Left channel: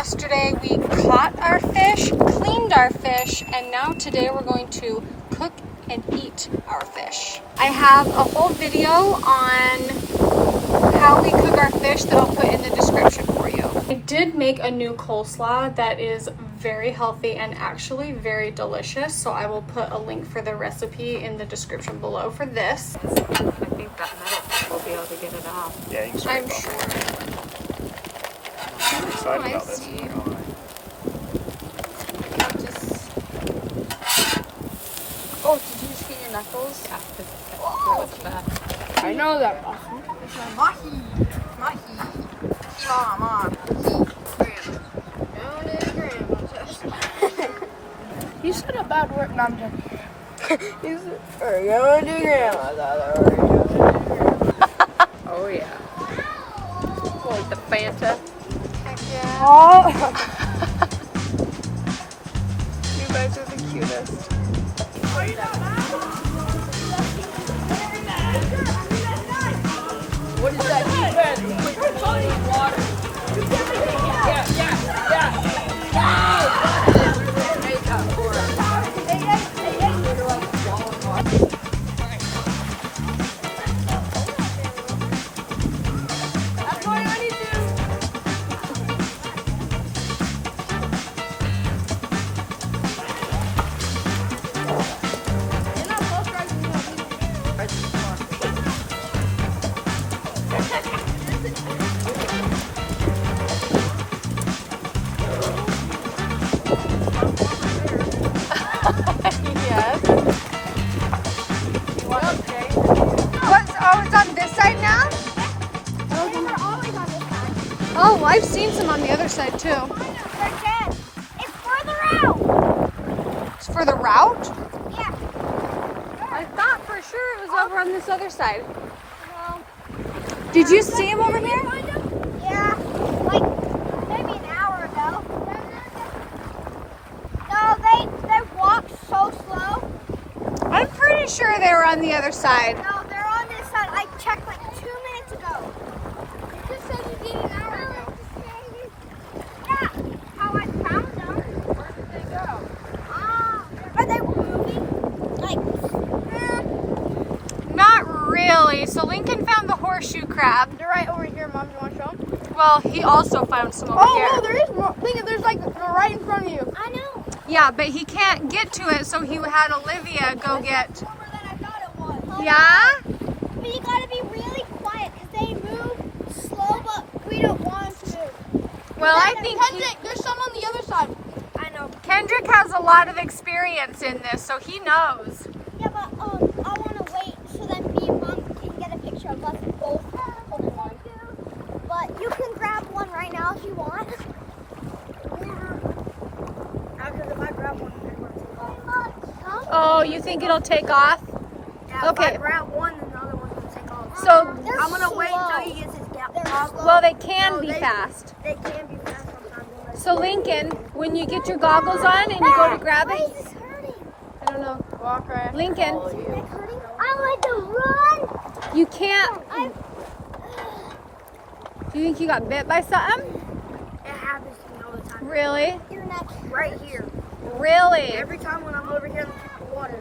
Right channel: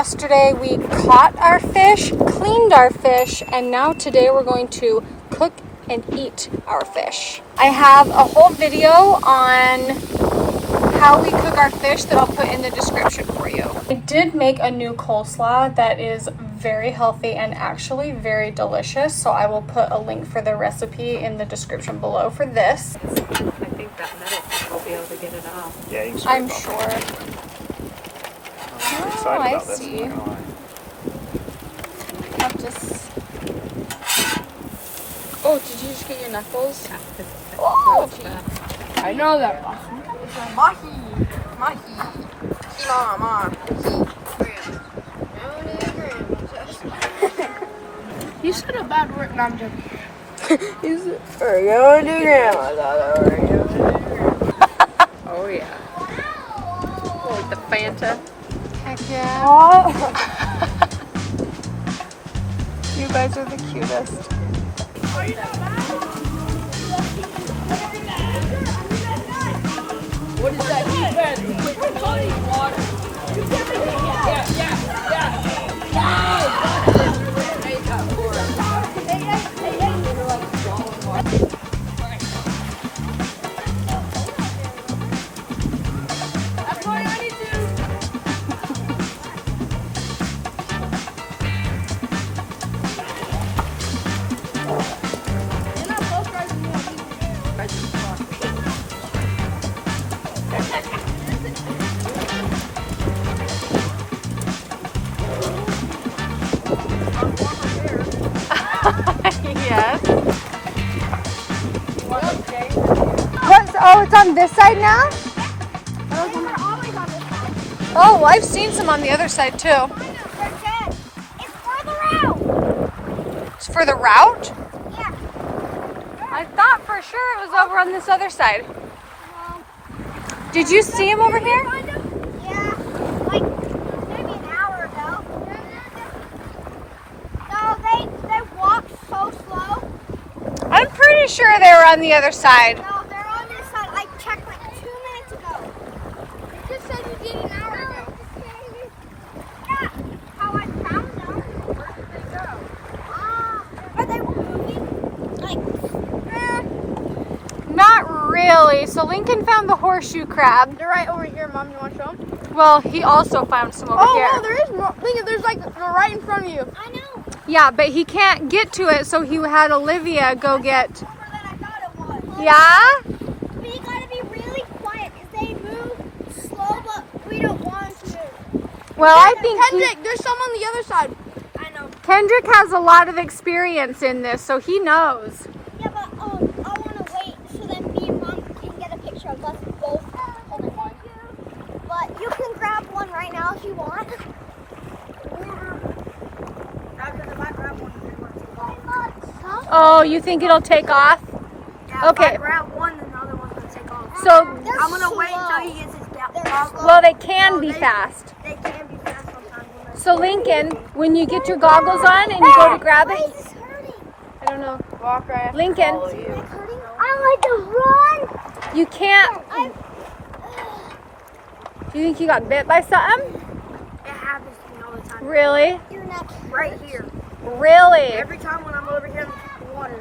yesterday we caught our fish, cleaned our fish, and now today we're going to cook and eat our fish. I have a whole video on how we cook our fish that I'll put in the description for you. I did make a new coleslaw that is very healthy and actually very delicious, so I will put a link for the recipe in the description below for this. I think that metal piece will be able to get it off. Yeah, you can I'm sure. I'm excited I about this. see. I'm just... Oh, did you just get your knuckles? Oh, okay. I know that. You said a bad word. No, I'm joking. We're going to grandma's. Oh yeah. Like the Fanta. Yeah. Oh. You guys are the cutest. What is that? Quick clean water. Oh, it's on this side now? Oh, I've seen some on the other side too. It's further out. It's for the route? Yeah. I thought for sure it was over on this other side. No. Did you see him over here? Yeah. Like maybe an hour ago. No, they walked so slow. I'm pretty sure they were on the other side. No, they're on this side. I checked like 2 minutes ago. It just said you did an hour ago. Yeah. How I found them. Where did they go? Are they moving? Like, Not really. So Lincoln found the horseshoe crab. they're right over here, Mom. You want to show them? Well, he also found some over here. Oh, there is more. Look, there's like right in front of you. I know. Yeah, but he can't get to it, so he had Olivia go get. I thought it was. Yeah? But you gotta be really quiet because they move slow, but we don't want to. Well, I think Kendrick, there's some on the other side. I know. Kendrick has a lot of experience in this, so he knows. Yeah, but I want to wait so then me and Mom can get a picture of us both holding one. But you can grab one right now if you want. Oh, you think it'll take off? Okay. Grab one, then the other one's gonna take off. So, I'm gonna wait until he gets his gap. well, they can be fast. They can be fast sometimes. So, Lincoln, when you get your goggles on and you go to grab Why it, is this hurting? I don't know. Walk right. Lincoln, Is it hurting? I like to run. you can't. I'm. Do you think you got bit by something? It happens to me all the time. Really? Your neck. Right here. Really? Every time when I'm over here in the water.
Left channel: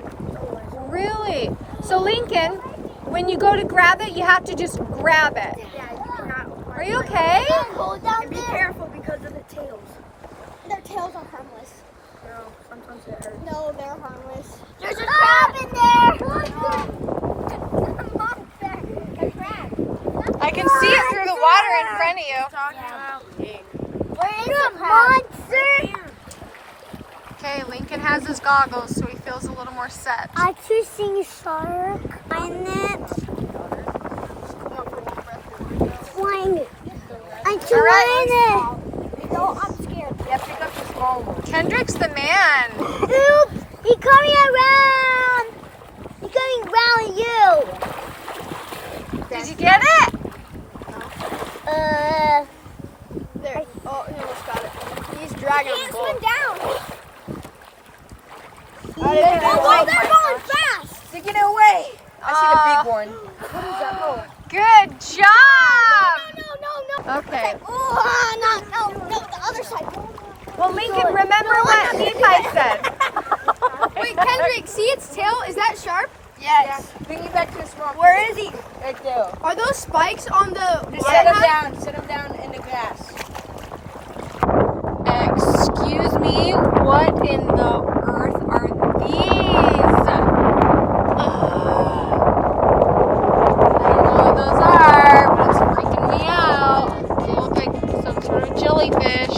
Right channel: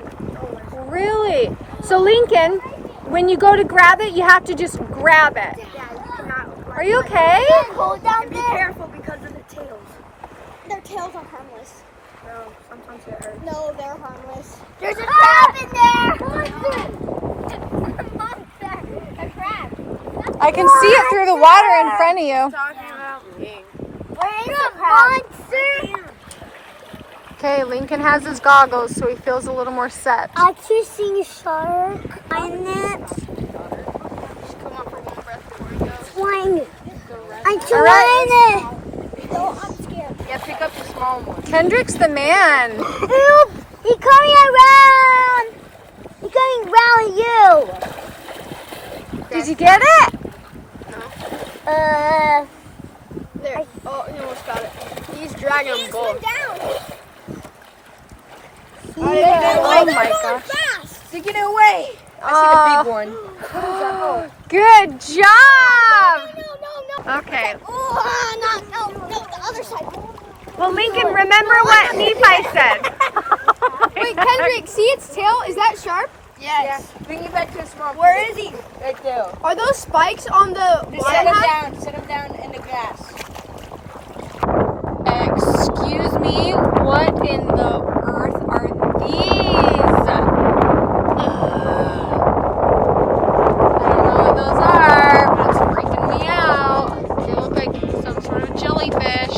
Really? So, Lincoln, when you go to grab it, you have to just grab it. Yeah, you cannot. Are you okay? Cold down And be there. careful because of the tails. Their tails are harmless. No, sometimes it hurts. No, they're harmless. There's a crab in there. I can see it through the water in front of you. Where is it, monster? Okay, Lincoln has his goggles, so he feels a little more set. I keep seeing a shark in it. Flying. I'm trying it. No, I'm scared. Yeah, pick up the small one. Kendrick's the man. Help! He's coming around. He's coming around you. Did you get it? There. Oh, he almost got it. He's dragging him both. Down. Oh they're my going gosh. fast. To get away. I see the big one. Good job. No. Okay. Oh, no, the other side. Well, Lincoln, remember what Nephi said. Wait, Kendrick, see its tail? Is that sharp? Yes. Bring it back to his rock. Where is he? Right there. Are those spikes on the Just sit him down. Sit him down in the grass. Excuse me, what in the earth are these? I don't know what those are, but it's freaking me out. They look like some sort of jellyfish.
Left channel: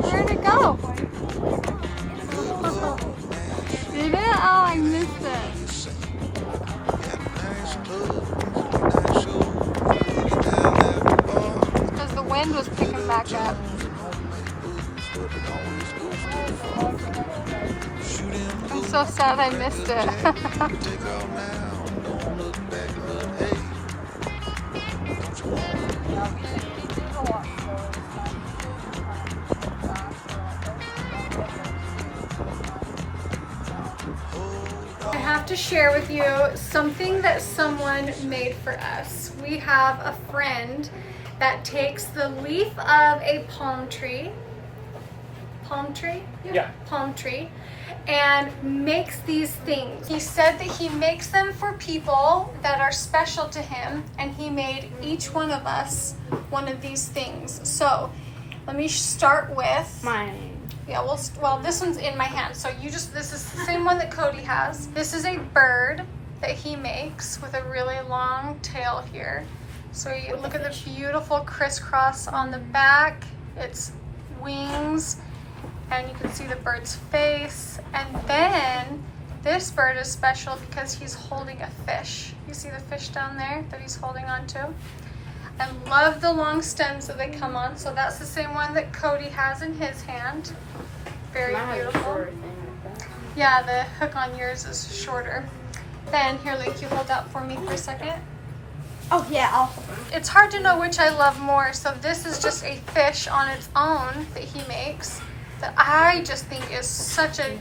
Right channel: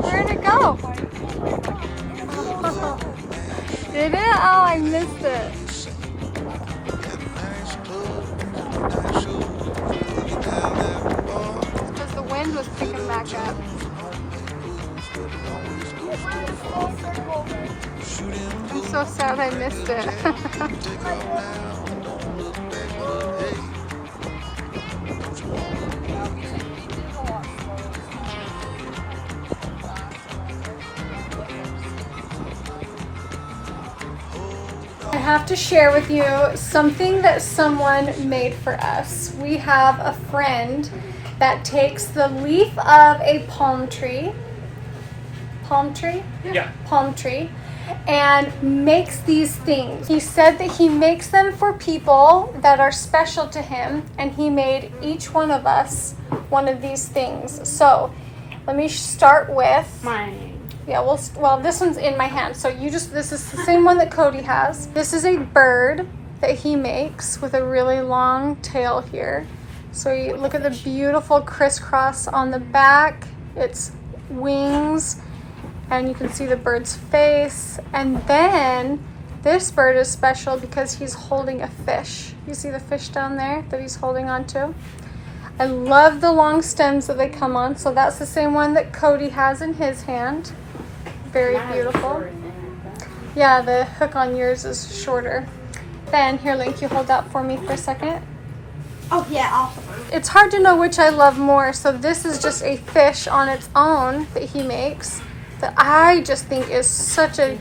Where'd it go? Did it? Oh, I missed it. Because the wind was picking back up. I'm so sad I missed it. I have to share with you something that someone made for us. We have a friend that takes the leaf of a palm tree, and makes these things. He said that he makes them for people that are special to him, and he made each one of us one of these things. So let me start with Mine. yeah, well, this one's in my hand. So this is the same one that Cody has. This is a bird that he makes with a really long tail here. So you look at the beautiful crisscross on the back, its wings, and you can see the bird's face. And then this bird is special because he's holding a fish. You see the fish down there that he's holding on to? I love the long stems that they come on. So that's the same one that Cody has in his hand. Very beautiful. Yeah, the hook on yours is shorter. Then, here, Link, you hold that for me for a second. Oh, yeah. It's hard to know which I love more. So this is just a fish on its own that he makes that I just think is such a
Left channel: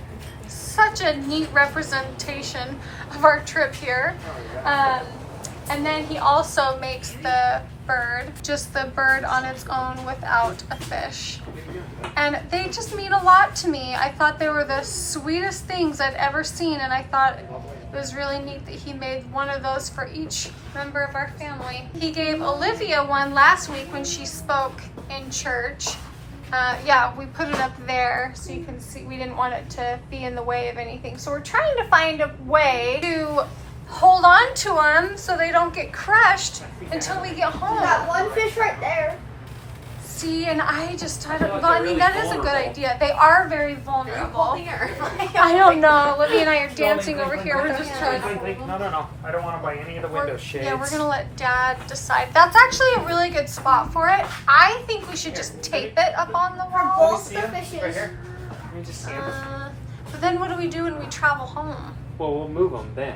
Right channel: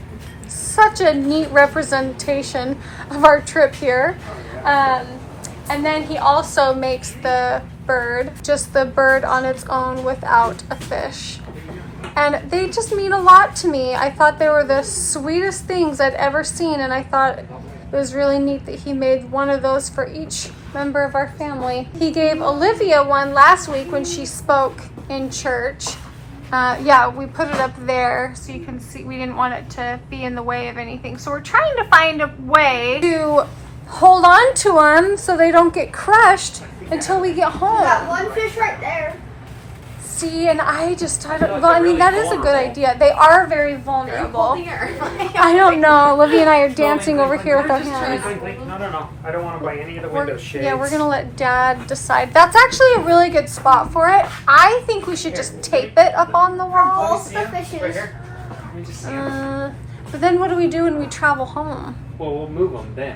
neat representation of our trip here. And then he also makes the bird, just the bird on its own without a fish. And they just mean a lot to me. I thought they were the sweetest things I'd ever seen, and I thought it was really neat that he made one of those for each member of our family. He gave Olivia one last week when she spoke in church. Yeah, we put it up there so you can see. We didn't want it to be in the way of anything. So we're trying to find a way to hold on to them so they don't get crushed until we get home. Got one fish right there. See, and I mean, that is a good idea. They are very vulnerable. I don't know. Olivia and I are dancing over here with our hands. No. I don't want to buy any of the window shades. Yeah, we're going to let Dad decide. That's actually a really good spot for it. I think we should just tape it up on the walls. The fishes. Let me just see 'em. But then what do we do when we travel home? Well, we'll move them then.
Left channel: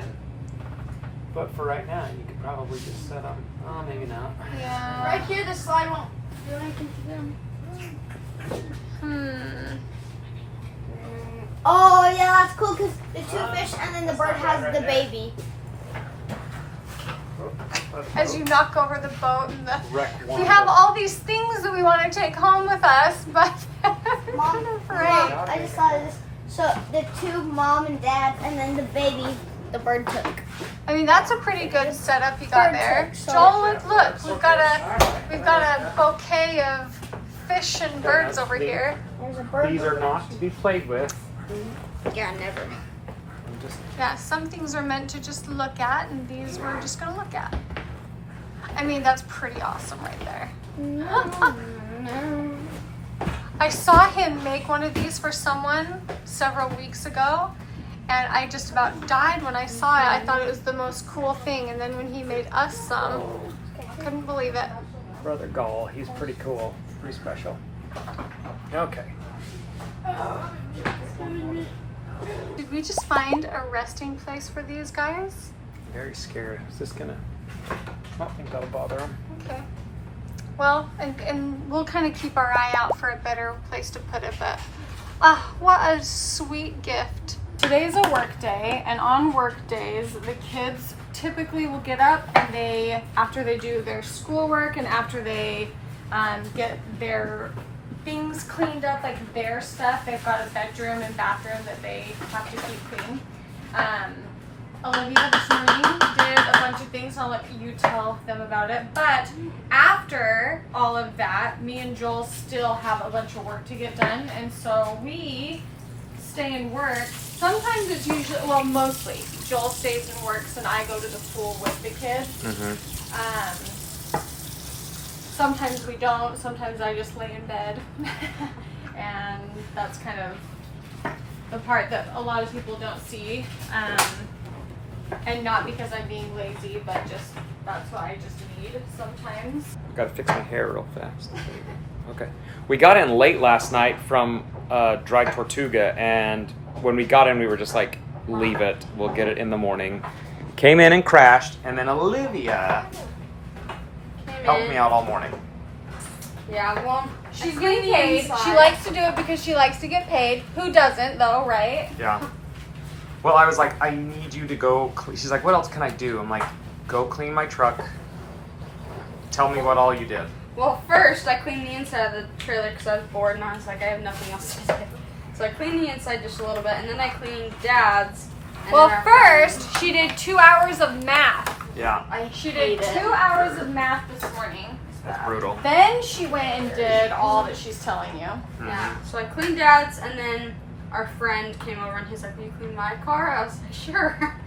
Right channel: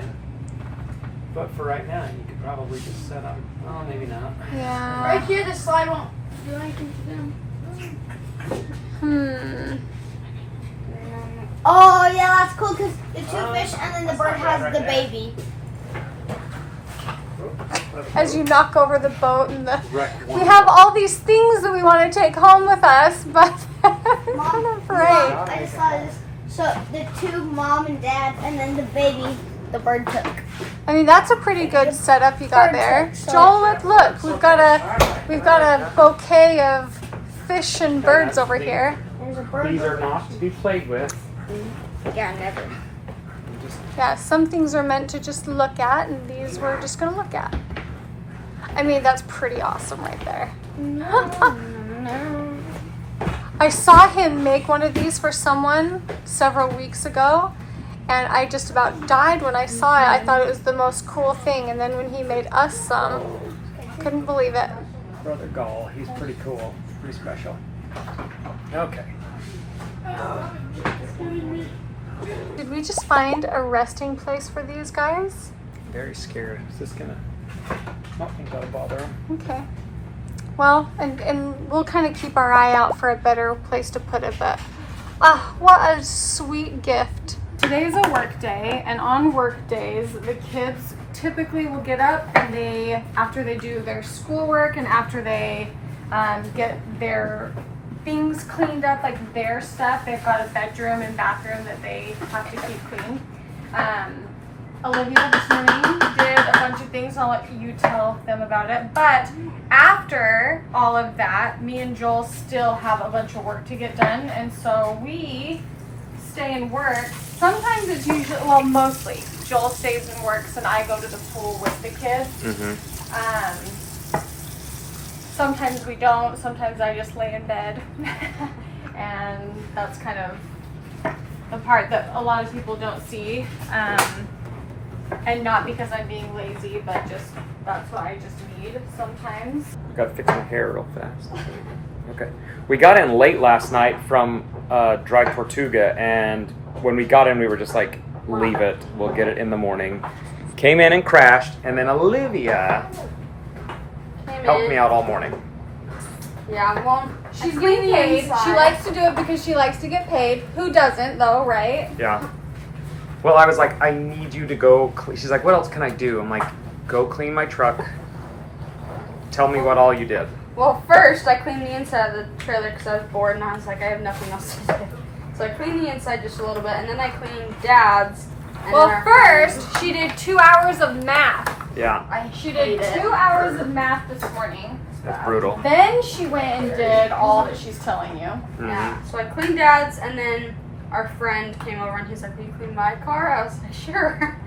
But for right now, you could probably just set them. Oh, maybe not. Yeah. Right here, the slide won't do anything to them. Oh, yeah, that's cool because the two fish and then the bird has the baby. As you knock over the boat and the... Wreck one We have all these things that we want to take home with us, but I'm kind of afraid. I just thought of this. So the two, mom and dad, and then the baby, the bird took. I mean, that's a pretty good setup you got there. Joel, look, we've got a bouquet of fish and birds over here. There's a bird. These are not to be played with. Yeah, never. Yeah, some things are meant to just look at, and these we're just gonna look at. I mean, that's pretty awesome right there. I saw him make one of these for someone several weeks ago, and I just about died when I saw it. I thought it was the most cool thing, and then when he made us some, couldn't believe it. Brother Gall, he's pretty cool. Pretty special. Okay. Did we just find a resting place for these guys? Very scary. Is this gonna... Nothing's gonna bother him. Okay. Well, and we'll kind of keep our eye out for a better place to put it, but what a sweet gift. Today's a work day, and on work days, the kids typically will get up and after they do their schoolwork and after they get their things cleaned up, like their stuff, they've got a bedroom and bathroom that they have to keep clean. Olivia this morning did a bunch of things. I'll let you tell them about it. But after all of that, me and Joel still have a bunch of work to get done. And so we stay and work. Sometimes it's usually, well, mostly Joel stays and works and I go to the pool with the kids. Sometimes we don't. Sometimes I just lay in bed. And that's kind of the part that a lot of people don't see. And not because I'm being lazy, but just that's what I just need sometimes. I gotta fix my hair real fast. Okay. We got in late last night from Dry Tortuga, and when we got in, we were just like, leave it. We'll get it in the morning. Came in and crashed, and then Olivia helped me out all morning. Yeah, well, She's getting paid. She likes to do it because she likes to get paid. Who doesn't, though, right? Yeah. Well, I was like, I need you to go. She's like, what else can I do? I'm like, go clean my truck. Tell me what all you did. Well, first I cleaned the inside of the trailer because I was bored and I was like, I have nothing else to do. So I cleaned the inside just a little bit, and then I cleaned Dad's. And Well, then our first, friend's. she did 2 hours of math. Yeah, She did 2 hours of math this morning. that's brutal. Then she went and did all that she's telling you. Yeah, so I cleaned Dad's, and then our friend came over and he's like, will you clean my car? I was like, sure.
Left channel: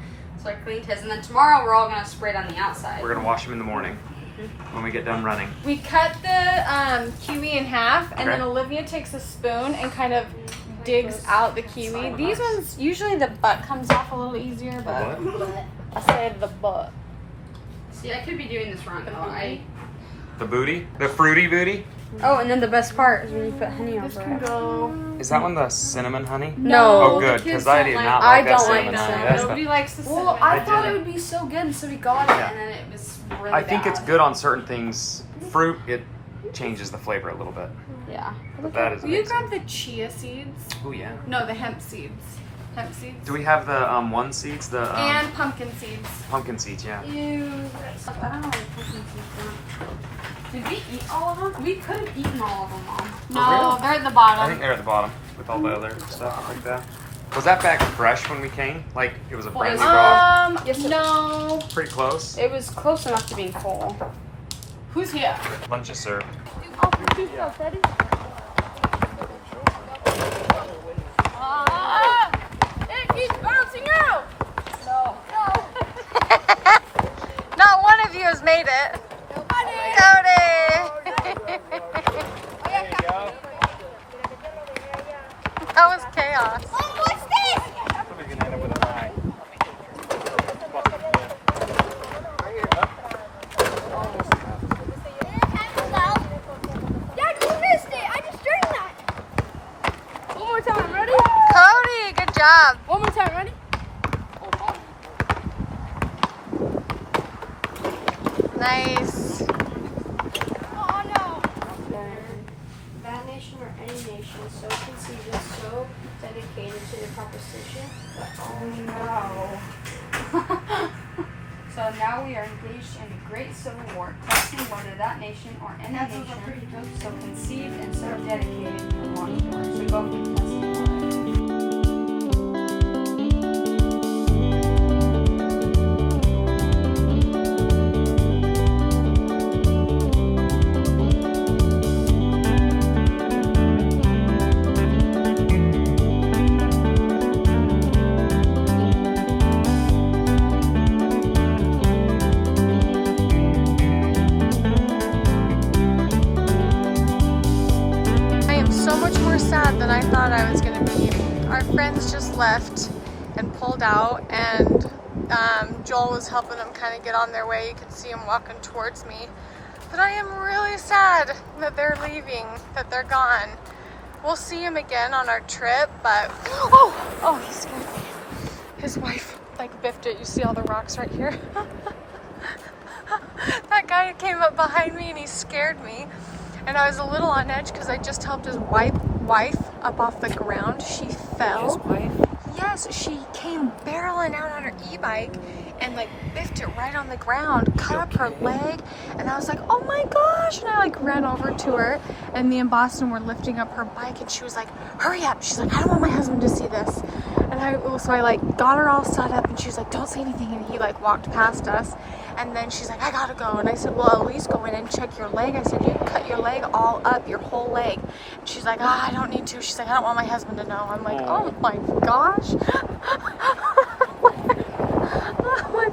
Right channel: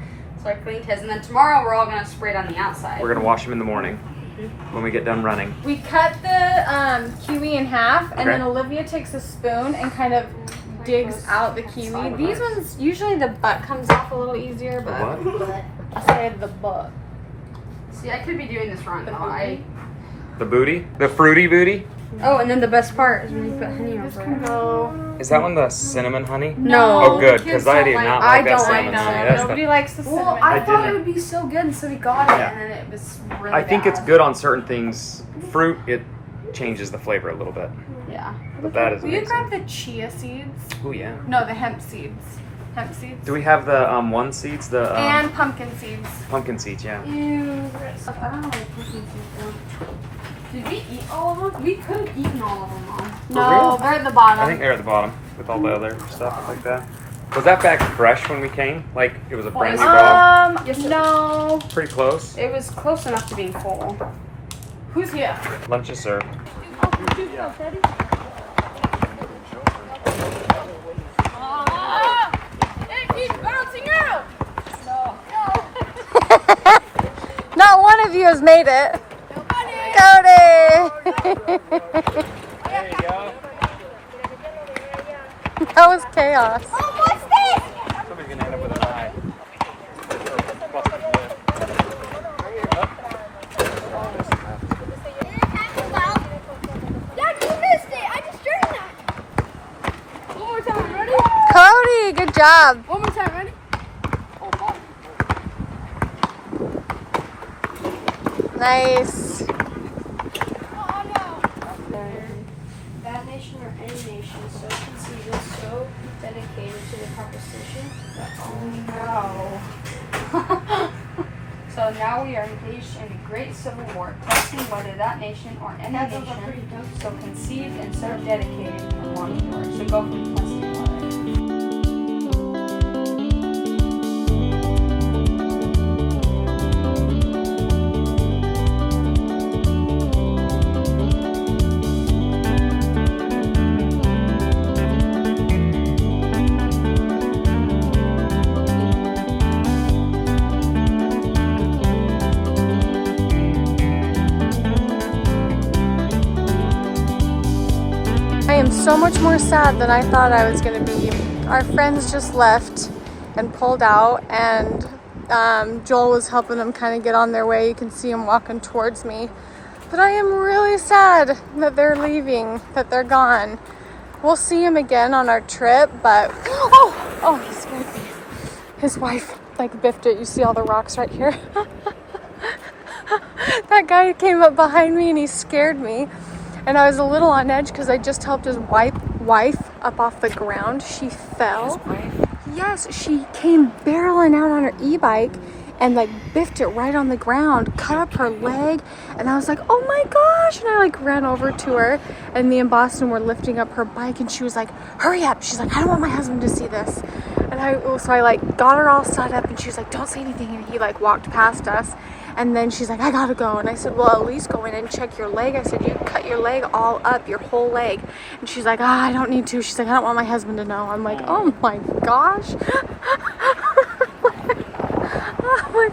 So I cleaned his, and then tomorrow we're all going to spray it on the outside. We're gonna wash them in the morning when we get done running. We cut the kiwi in half, and Okay. then Olivia takes a spoon and kind of digs out the kiwi. These ones, usually the butt comes off a little easier, but I said the butt. See, I could be doing this wrong, though. The booty? The fruity booty? Oh, and then the best part is when you put honey on This it. can go. Is that one the cinnamon honey? No. Oh, good, kids because I don't did like- not I like that don't like cinnamon that. honey. That's Nobody the, likes the cinnamon. Well, I I thought didn't. it would be so good, and so we got it, Yeah. and then it was really I think bad. it's good on certain things. Fruit, it changes the flavor a little bit. Yeah. But that is Will you amazing. grab the chia seeds? Oh, yeah. No, the hemp seeds. Hemp seeds. Do we have the one seeds? The And pumpkin seeds. pumpkin seeds, yeah. Ew. I don't know what pumpkin seeds are. Did we eat all of them? We could have eaten all of them, Mom. No, real? they're at the bottom. I think they're at the bottom with all the other stuff like that. Was that bag fresh when we came? Like, it was a brand new dog? No. Pretty close. It was close enough to being full. Who's here? Lunch is served. It keeps bouncing out. Not one of you has made it. Cody! That was chaos. Oh, what's this? Somebody's gonna end up with an eye. Dad, you missed it. I just drank that. One more time, ready? Cody, good job. One more time, ready? Nice. Oh, no. That nation or any nation so conceited, so dedicated to the proposition that No. So now we are engaged in a great civil war, testing whether that nation or any nation so conceived and so dedicated can walk the door. So go for the testing. I am so much more sad than I thought I was going to be. Our friends just left and pulled out, and Joel was helping them kind of get on their way. You can see him walking towards me. But I am really sad that they're leaving, that they're gone. We'll see him again on our trip, but oh, he scared me. His wife like biffed it. You see all the rocks right here? That guy came up behind me and he scared me. And I was a little on edge because I just helped his wife up off the ground. She fell. Yes, she came barreling out on her e-bike and like biffed it right on the ground, cut up her leg. And I was like, oh my gosh. And I like ran over to her, and me and Boston were lifting up her bike, and she was like, hurry up. She's like, I don't want my husband to see this. And so I like got her all set up, and she was like, don't say anything. And he like walked past us. And then she's like, I gotta go. And I said, well, at least go in and check your leg. I said, you cut your leg all up, your whole leg. And she's like, I don't need to. She's like, I don't want my husband to know. I'm like, oh my gosh.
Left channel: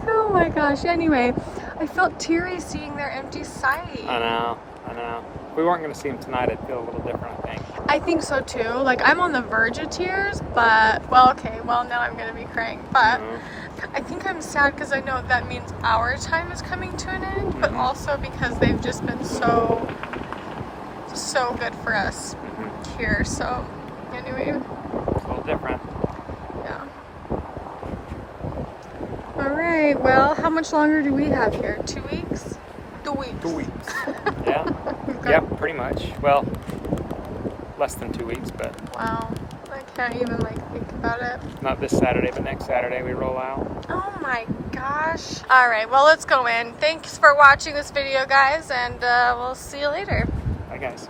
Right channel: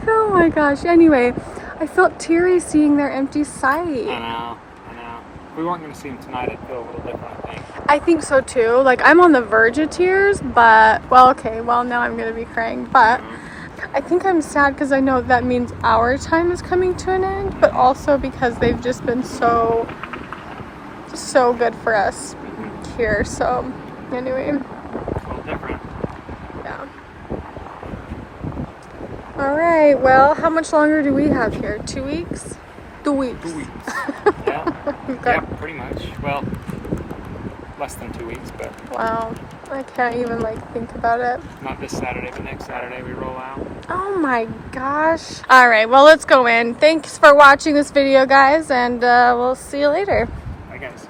Oh my gosh. Anyway, I felt teary seeing their empty site. I know. If we weren't going to see him tonight, I'd feel a little different, I think. I think so too. Like, I'm on the verge of tears, but, well, okay, well, now I'm going to be crying. But I think I'm sad because I know that means our time is coming to an end, but also because they've just been so good for us here. So, anyway. It's a little different. Yeah. All right. Well, how much longer do we have here? 2 weeks? 2 weeks. 2 weeks. Yeah. Okay. Yeah, pretty much. Well, less than 2 weeks, but Wow. I can't even like think about it. not this Saturday, but next Saturday we roll out. Oh my gosh. All right. Well, let's go in. Thanks for watching this video, guys, and we'll see you later. Bye, guys.